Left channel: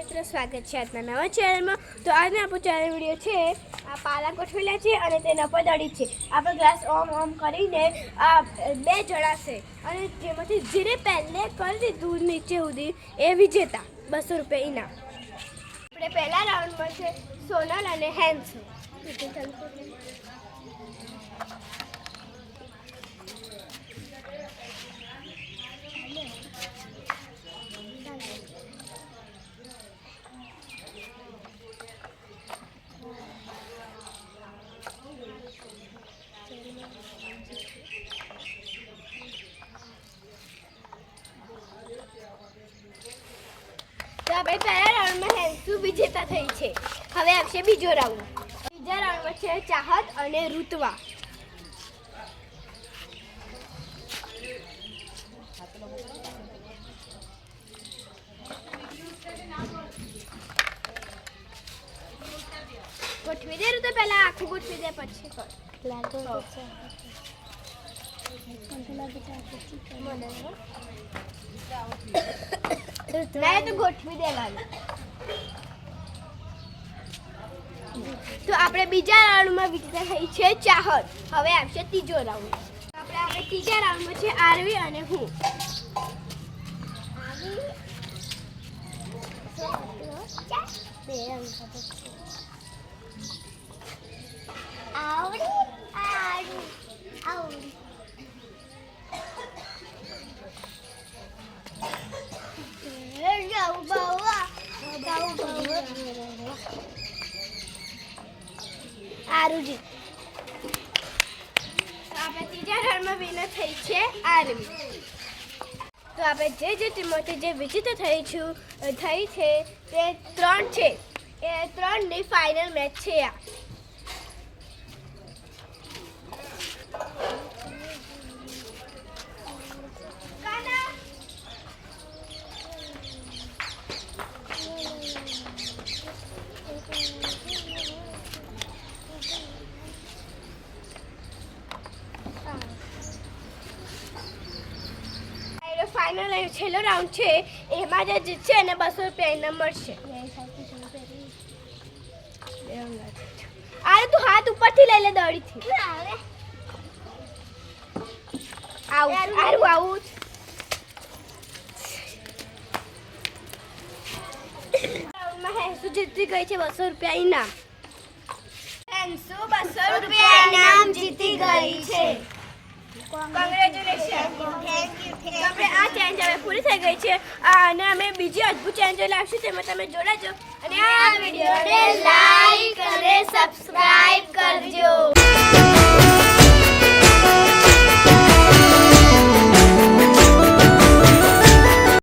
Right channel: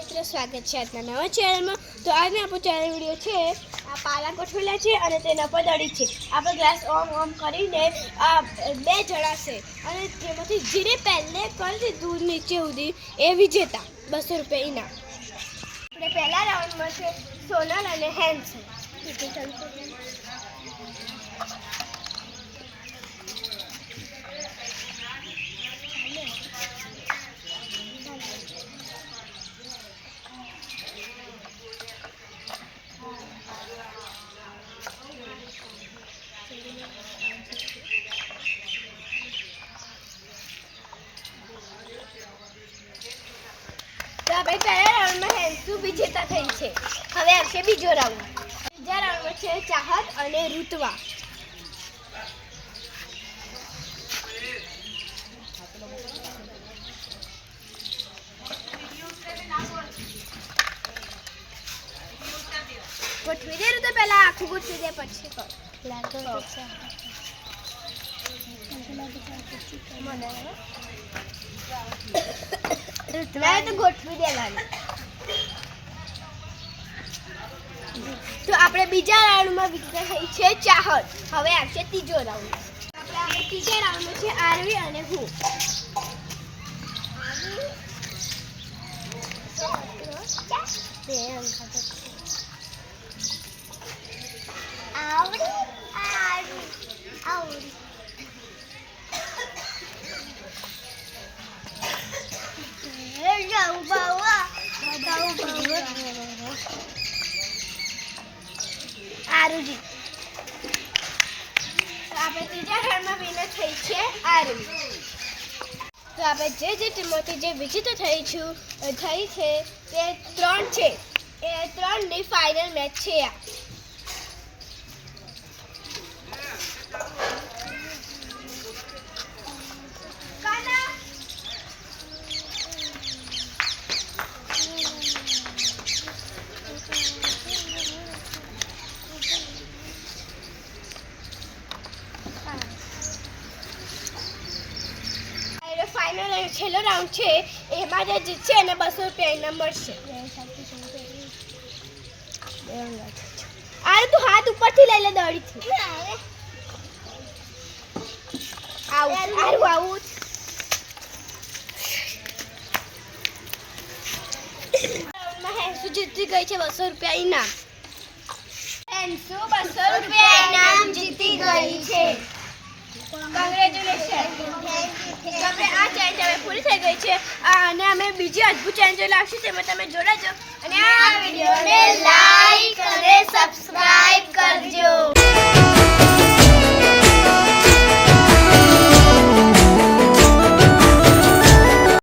મિત્રો સ્વાગત છે આજના નવા ચેનલમાં। તો આજનો આપણો ચેનલ વિડીયો છે આ પાલા ગોઠવેલા છે અને તેના પર દડી છે। આપણે ગ્લાસ ઓમ કરીને આ બે જણાશે અને જેમાંથી જીરે પહેલે કરી દીધું નીચે સુધી એ વિજેતા 200 રૂપિયા ઇનામ। આપણે પહેલા રાઉન્ડમાં છે સોનલ અને હેન્સુ। तो આપણે પહેલા રાઉન્ડમાં હેન્સુ વિજેતા થઈ છે। હવે આવશે બીજો રાઉન્ડ। બીજા રાઉન્ડમાં છે ચાહત અને ઋત્વા। ગોઠવી દે તો પહેલા આખું ગોઠવી દે પછી તો मैं तो गोठवी दे लागी। तो આપણે બીજા રાઉન્ડમાં વિજેતા થઈ છે ચાહત। હવે આવશે ત્રીજો રાઉન્ડ। આપણે ત્રીજા રાઉન્ડમાં છે આરવી અને હું। आरुजी तो આપણે ત્રીજા રાઉન્ડમાં વિનર થઈ છે આરવી। તો આપણે જે ટીમોથી જે વિજેતા થઈ છે તે 3 છે। એ 3ની ફાઇનલ મેચ છે આ। फाइनल छेल्लो राउंड है एमां जे जीतशे एने 200 रुपया इनाम मळशे। आरे तू हाथ ऊपर थी ले ले दौड़ी थी आउट आरु आउट। राउंड में हेंसू जीती गई है 200 रुपया इनाम। हेंसू 200 रुपया इनाम जीती गई है। કોંગ્રેચ્યુલેશન। આપણે આ ચેલેન્જ હવે પૂરી થઈ ગઈ છે અને અમે બીજી અદ્ભુત ચેલેન્જ લાવશું તેમાં તમે જોડાજો અને આ વિડીયો